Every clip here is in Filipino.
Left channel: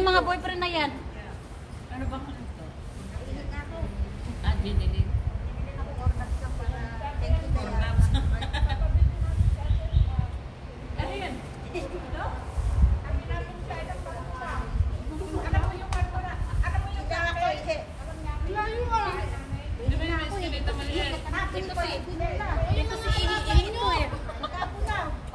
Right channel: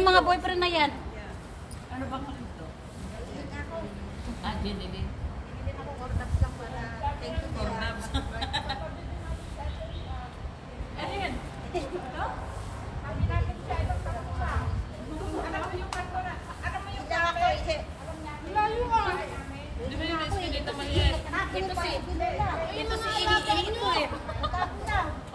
yung mga boyfriend na yan. Ano ba ko ito? Ah, binili. Binili ako cornuts lang para thank you to Cornuts. Ano yan? Ito? Kami namin siya itong pakula. Alam mo yung kwarto na, alam mo yung ako, layo nga. Di ba yung eskinita maliit? Ito si, Yung mga alaga mo eh.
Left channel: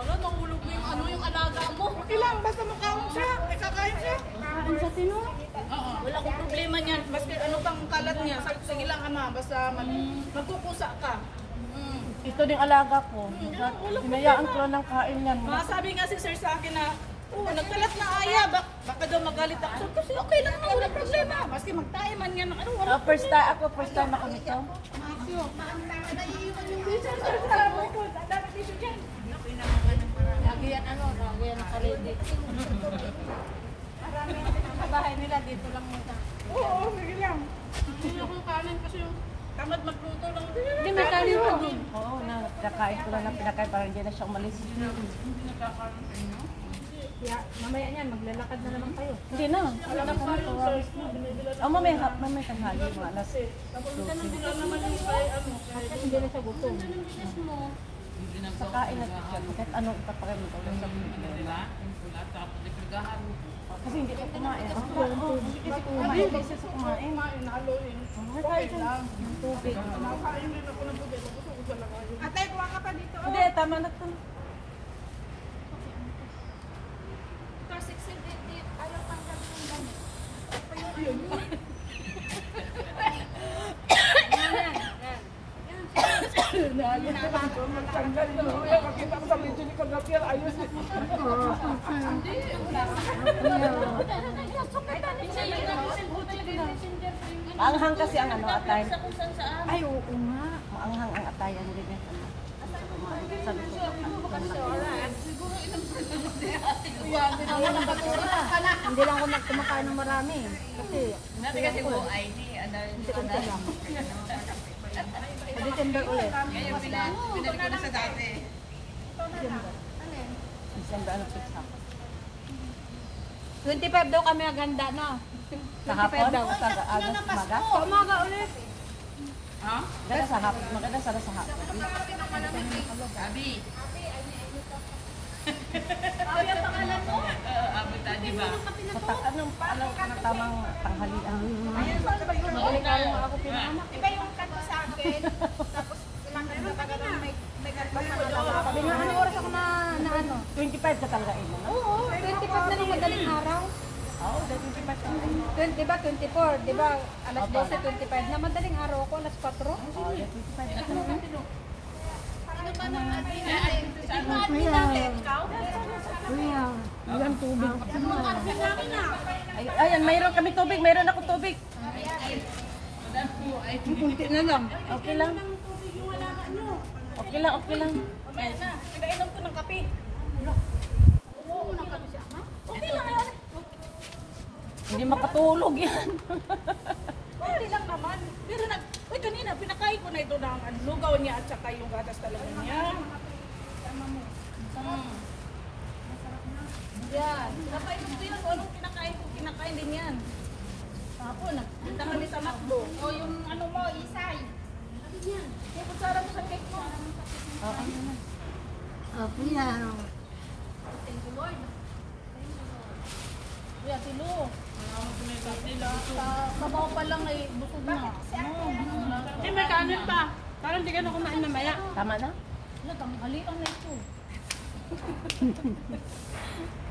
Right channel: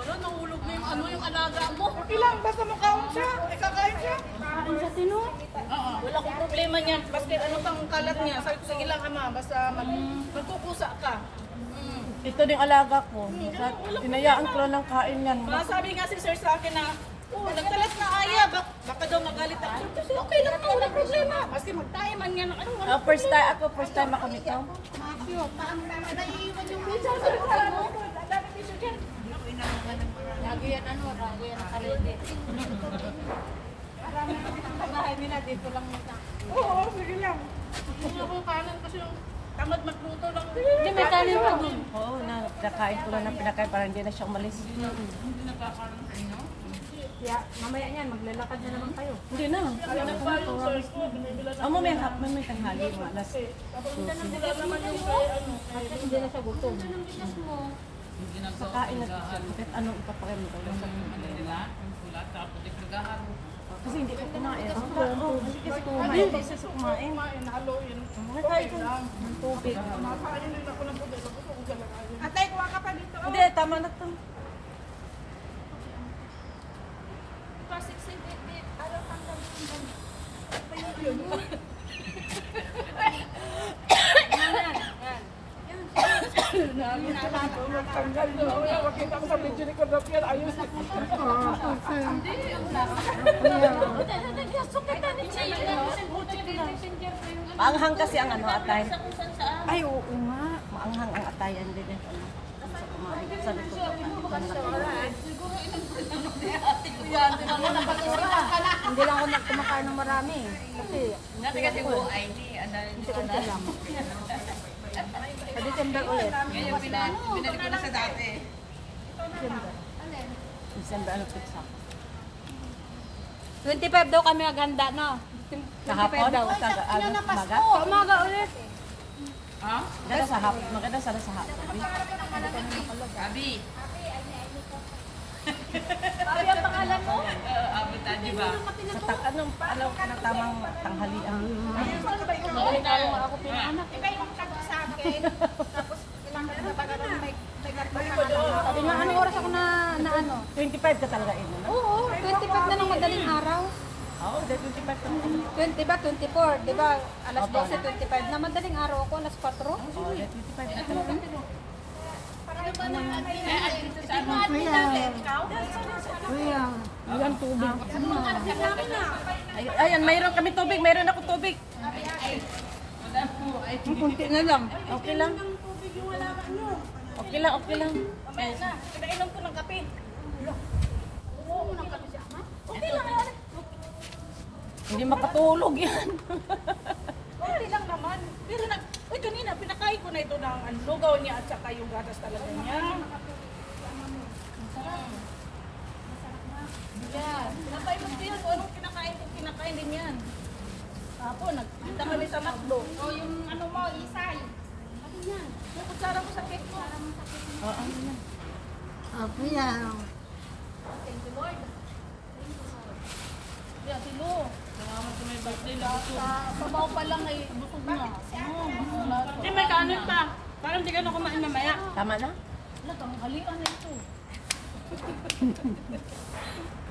Ano, nahulog na yung ano, yung alaga mo. ilang, basta makaon siya, ikakain siya. Kain sa tino. Oo. Wala akong problema niyan. Baski ano pang kalat niya. Sabi ko, sige lang ama. Basta magkukusa ka. Ito din alaga ko. Pinayaan ko lang ng kain yan. Sabi nga si sir sa akin na, nagkalat na aya. Baka daw magalit ako. Sabi ko, okay lang na. Wala problema. Baski magtae man yan. Ano, wala. First time ako nito. Naiiwan yung bisa sa Ako inangangan ng marami. Lagi yan ang karede. marami akong Sa bahay nila, dito lang muna. Oo, sige lang. Hindi ako kanan kasi yung tamad magluto lang. Hindi, may kanin pa din. Oo, kakain ko lang ng pinakain para hindi na siya umalis. Hindi nakakaroon sa inyo? Kaya mamaya yan, maglalakad na naman kayo. Hindi na. Alam mo ba yung source mo, binibila na. Mamay tanghali, mga alas. Tapos wala naman yung ano. Hindi na siya gutom. Hindi na to. Kain na siya. Kahit ano ipapakain mo tawag sa Nila, ang pulat, tapos nagkagahalo. kasi hindi ko kumain. Kasi kumain. Kasi sa kumain. Kumain, haluin. Okay lang. Tubig. Parang hindi ako ng tubig. Gusto ko talaga yun. Atay, kuha ka pa dito. Hindi, tama na to. Ito, 6 araw tanggal ng damit. Pa yung Tanggal na lang. Makita ko sa video ni Conrapiel. Ayos. Maanghang kasi ang ano, atay. Ay, oo nga. Maanghang ang atayan din. Sabi ko, Hindi lang ako kumakain ng marami. Kasi, Nati kasi buhay ni, ano, pwede tendo ulit. ngayon binalik ko na sa dati. isang daan ng pizza. 25 daw kami aganda, no? Sa hapon, sa maga. Umaga ulit. Ha? Maganda sa hapon. Maganda sana sa hapon. Abi. Abi ang pangalan mo? Abi tayo ba? Sa anong palaw ka na tamang tanghalian. Oo tayo. Iba yung kanto sa akin. Tapos ilang na tagaran may ganto ka na lang. Anong oras ako na ano? 25 ka talaga ina, no? Oo, 25 na ng madaling araw. Oo, 25 ka na. 20 ba? 24. Di ba? Alas 12, 25 na madaling araw ako. Alas 4. Oo, 25 ka talaga. Ano ba nang atin? Dito sa ano? Atin natin, ikaw? Ayan, tubig. Ayan, mayroon kami tubig. Mayroon ako tubig. Wala po. Ay, Kunti na lang. Okay lang. Tubig yung wala ka nyo. Okay lang, okay lang. Mamaya na. Pinainom ko ng kape. Okay lang yan. Hindi makatulog yan. Okay lang naman. Pero kanina, pinakain ko na ito ng lugaw niya at saka yung gatas talaga niya. Yan. Tatay mo din kung anong kinakain din yan. Tapos, nagpunta kami sa McDo. O yung ano mo, isay. Ano yan? Yung kutsara mo sa cake mo. Oo. Okay yan. Thank you, Lord. Yeah, tilo. salamat sa may birthday lang. Sa sabaw pa lang ay busog na. Eh, may kanin pa. Parang hindi ka na kumain mamaya. Tama na? Halian na ito.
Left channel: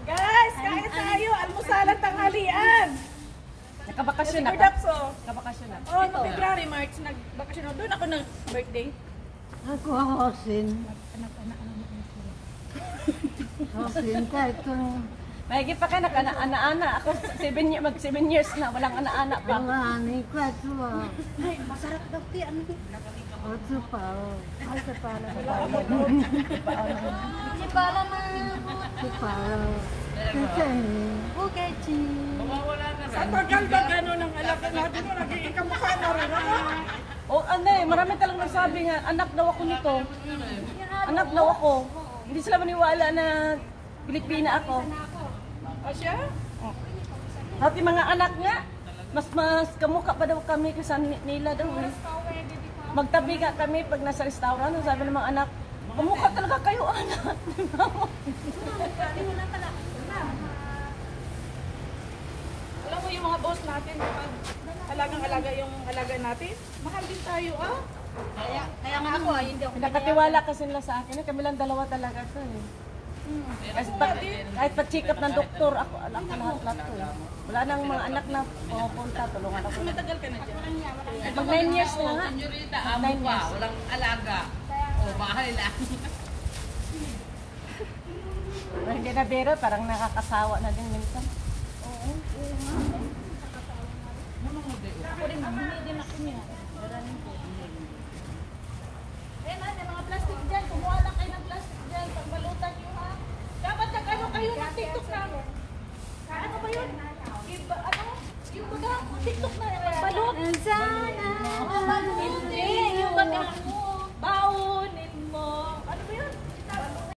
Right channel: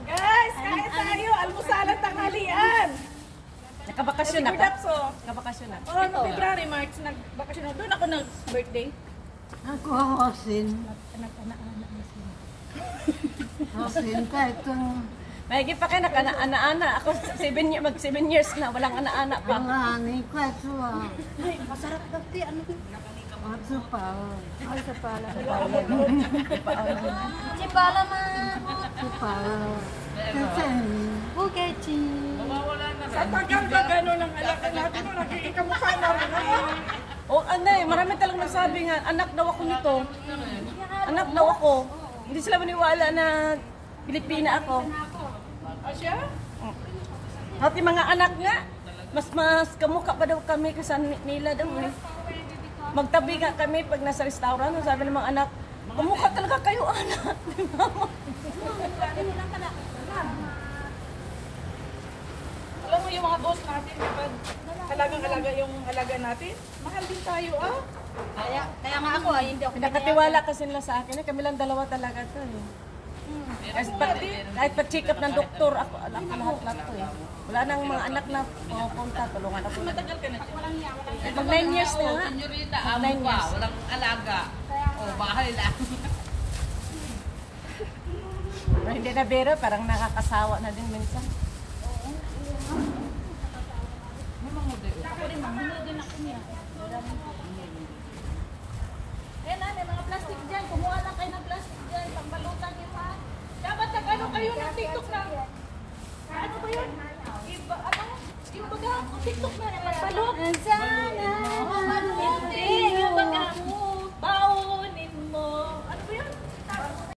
Guys, kain tayo. Almusalan tanghalian. Nakabakasyon na ka? Products, oh. Nakabakasyon na. Oh, no, February, March, nagbakasyon ako. Doon ako nag-birthday. Ako, Hosin. Hosin pa ito. Mahigit pa kayo nag-ana-ana. Ako mag 7 years na. Walang ana-ana pa. Pangangi ko ito. Ay, masarap daw ti. Ano ito? Oso pa. Oso pa. Si Pala na. Oso pa. Okay, chi. Mawawala na Sa rin. tagal ba gano'n ang alak natin mo, nag-iikamukha na rin. O ano eh, marami talang nagsabi nga, anak daw ako nito. Anak daw ako. Hindi sila maniwala na Pilipina ako. O siya? Pati mga anak nga, mas kamukha pa daw kami kasi nila daw. Eh. Magtabi nga kami pag nasa restaurant, sabi ng mga anak, kamukha talaga kayo anak. Alam mo yung mga boss natin, kapag halagang-halaga yung halaga natin, mahal din tayo ah. Kaya nga ako, hindi ako Nakatiwala kasi nila sa akin, kami lang dalawa talaga to eh. Kahit pa-check up ng doktor, ako lahat to eh. Wala nang mga anak na pumupunta, tulungan ako. Matagal ka na dyan. Mag 9 years na nga. Senyorita, amo pa, walang alaga. O, bahay lang. Hindi na biro, parang nakakasawa na din minsan. Ako rin, hindi din ako niya. Eh na, may mga plastic dyan. Kumuha lang kayo ng plastic dyan. Pagbalutan nyo ha. Dapat nag-ano kayo ng TikTok na. Ano ba yun? Iba, ano? Yung baga, TikTok na. Pagbalot. Sana